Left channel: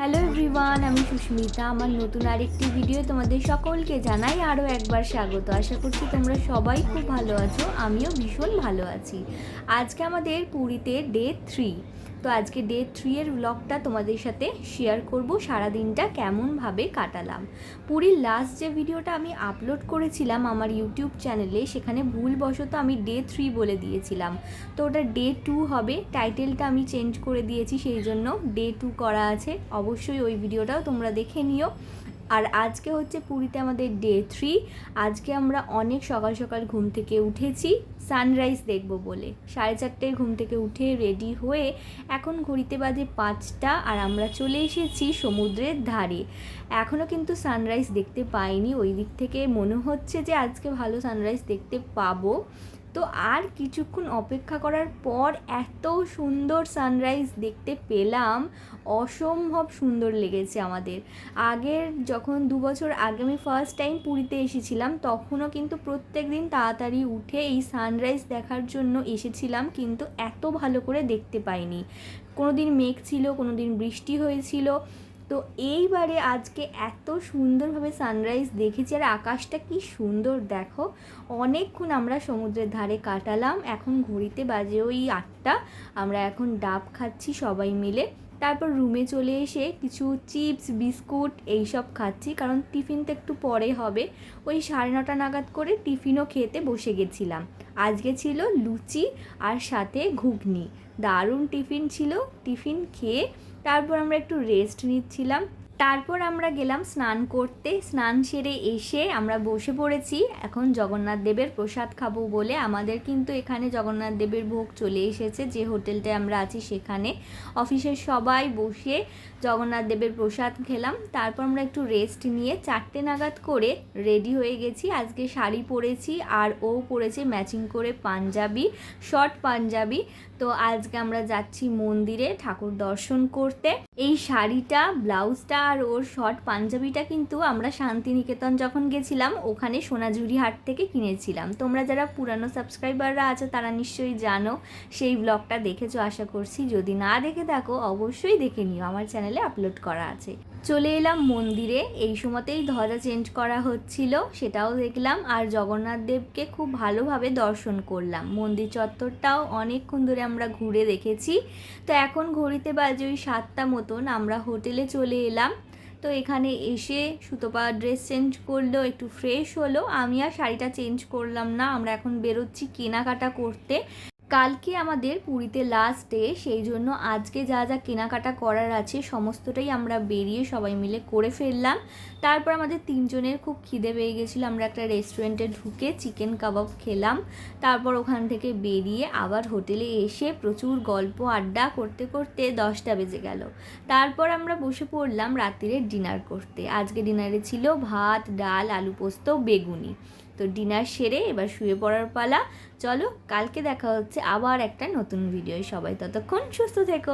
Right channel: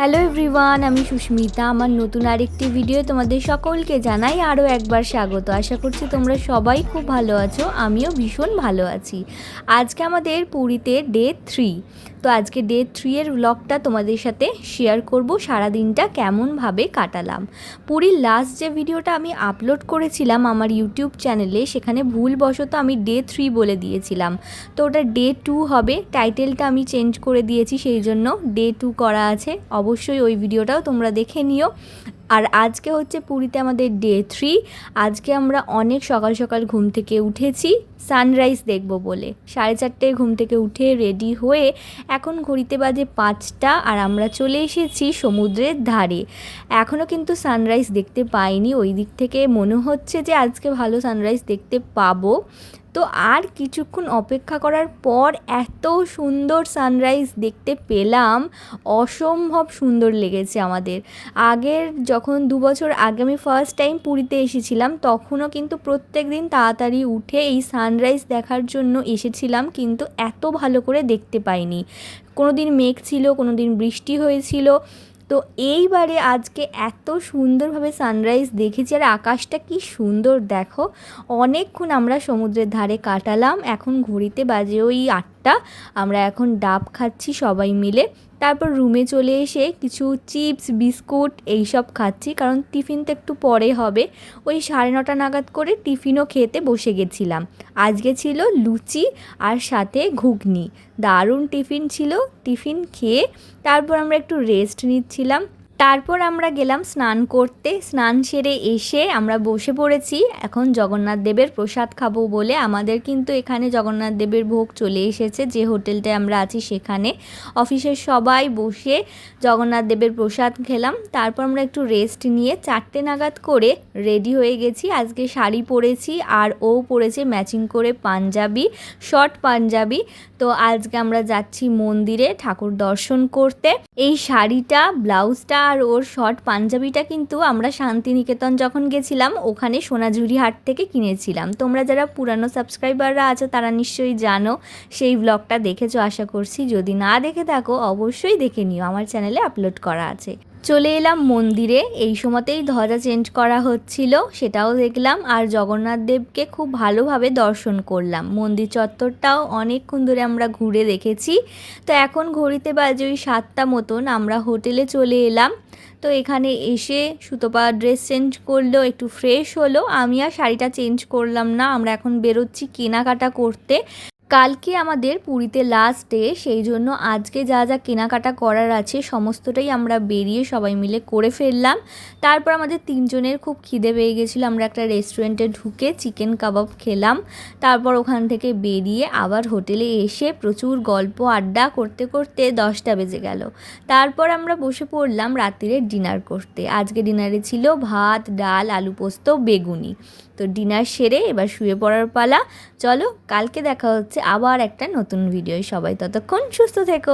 Hello everyone, আমি সুস্মিতা। আমার নতুন আরেকটি ভিডিও তোমাদের সকলকে জানাই আরও একবার স্বাগত। আশা করছি তোমরা সবাই খুব ভালো আছো, আমিও ভীষণ ভালো আছি। আজকে আমাদের পুরীতে ডে 3। তো আজকে ডে 3 এর ব্লগটা তোমাদের সাথে শেয়ার করব, সারাদিনটা কেমনভাবে কাটালাম। পুরীর লাস্ট যে ভিডিওটা আমি আপলোড করেছিলাম আমার ইউটিউব চ্যানেলে, সেখানে ভুলবশত আমি ডে 3 বলে দিয়েছিলাম। তো ওটা ডে 2 হবে, টাইটেলটা আমি চেঞ্জ করে দিয়েছি, সেই জন্য ডে 2 করা আছে। অবশ্যই ওই ভিডিওটাও তোমরা দেখে নিও। আর আজকে হচ্ছে পুরীতে আমাদের ডে 3। আজকে আমরা অনেক সকাল সকাল ঘুম থেকে উঠেছি সানরাইজ দেখব বলে। 4:30 ঘুম থেকে উঠে রেডি হয়ে এখন ঘড়িতে বাজে 5টা, আর আমরা চলে এসেছি সমুদ্রের ধারে। এখনও কিন্তু সানরাইজ দেখতে পাইনি, ওই দিক থেকে মনে হচ্ছে যে আজকে ভালো সানরাইজ দেখতে পাবো। তো আর কিছুক্ষণ অপেক্ষা করার পর এত সুন্দর সানরাইজ দেখতে পেলাম, অসম্ভব সুন্দর লেগেছে আমাদের। আগের যখন 2 বছর আগে আমি ফার্স্ট টাইম পুরীতে এসেছিলাম, তখনও কিন্তু প্রত্যেক দিন তাড়াতাড়ি উঠে এই সানরাইজ দেখার জন্য এসেছিলাম, কিন্তু এত ভালো করে দেখতে পাইনি। কোনো দিন মেঘ ছিল, কোনো দিন বৃষ্টি হয়েছিল। তো এইবারে আজকে এত সুন্দরভাবে সানরাইজ দেখেছি, আর আকাশটা কি সুন্দর দেখো। অনেকক্ষণ আমরা সমুদ্রের ধারে কাটালাম। এখন ঘড়িতে বাজে ওই 8টা। আমরা এখন ডাব খাচ্ছি সবাই মিলে। তারপর রুমে চলে এসে কিছু চিপস বিস্কুট এইসব খাচ্ছি, কারণ টিফিন তো একটু পরে হবে। ওই 9:30 নাগাদ করে টিফিনও খেতে বসে গেছিলাম। আজকে ছিল লুচি আর সাথে ঘুগনি, দারুণ টিফিন ছিল। টিফিন খেয়ে তারপর আমরা একটু রেস্ট নিচ্ছিলাম। তারপর আমরা গেলাম স্নান করতে। স্নান সেরে এসে আমরা বসে পড়েছি এখন জগন্নাথ দেবের প্রসাদ খাবো বলে। আমাদের কিন্তু এখানে জগন্নাথ দেবের ভোগ চলে এসেছে, যে হোটেলটায় আমরা আছি সেখানে। অফিসের সবাই বসে জগন্নাথ দেবের প্রসাদ খেলাম। তারপর আমরা একটু রেস্ট নিয়ে 4টে নাগাদ করে রেডি হয়ে গেছি। আজকে শাড়ি পরেছি, আর ও পরেছে ম্যাচিং করে পাঞ্জাবি, শর্ট পাঞ্জাবি। তো আজকে আমরা যাচ্ছি মন্দিরে ঠাকুর দর্শন করতে। এই শাড়িটা, ব্লাউজটা আর ওর শর্ট পাঞ্জাবিটা কিন্তু আমরা শান্তিনিকেতন যখন গেছিলাম ওখানে সোনাঝুরি হাট থেকে কিনেছিলাম। তোমরা যারা পুরানো সাবস্ক্রাইবাররা আছো তারা নিশ্চয়ই জানো, সেই ব্লগটা দেখেছো আশা করছি। যদি না দেখে থাকো অবশ্যই দেখে নিও, আমার চ্যানেলে আপলোড করা আছে। চলে এলাম মন্দিরে, এই সময়তেই ধ্বজা চেঞ্জ করা হচ্ছিল, সেটাও দেখলাম। আর জগন্নাথ দেবকে খুব ভালোভাবে দর্শন করলাম। মন্দির চত্বরটাও অনেকক্ষণ ধরে আমরা ঘুরে দেখেছি। তো এখন ঘড়িতে বাজে ওই 7টা মতন, আমরা হোটেলে চলে এলাম। তো এখানে এসে সুতপা ড্রেস চেঞ্জ করলো, একটু ফ্রেশ হলো। আমি আর শাড়িটা চেঞ্জ করলাম না, আমরা এখন বেরোচ্ছি কেনাকাটা করতে। কালকে আমাদের পুরীতে লাস্ট ডে, সেই জন্য আজকে যা যা কেনাকাটা করার আছে সমস্তটাই আমরা বেরিয়ে সবাই মিলে করে ফেললাম। তারপর আমাদের 3জনের খুব খিদে পেয়ে গেছিলো, আমরা একটা রেস্টুরেন্টে ঢুকে চিকেন কাবাব খেলাম। তারপর ওখান থেকে বেরিয়ে আবার হোটেলে এসে প্রচুর গল্প আড্ডা করতে করতে 10টা বেজে গেল। তারপর আমরা বসে পড়লাম রাত্রিরে ডিনার করতে। আজকে ডিনারে ছিল ভাত, ডাল, আলু পোস্ত, বেগুনি। তো ডিনার সেরে এবার শুয়ে পড়ার পালা। চলো, কালকে দেখা হচ্ছে আবার একটা নতুন ভিডিও। সবাই ততক্ষণ সুস্থ থেকো।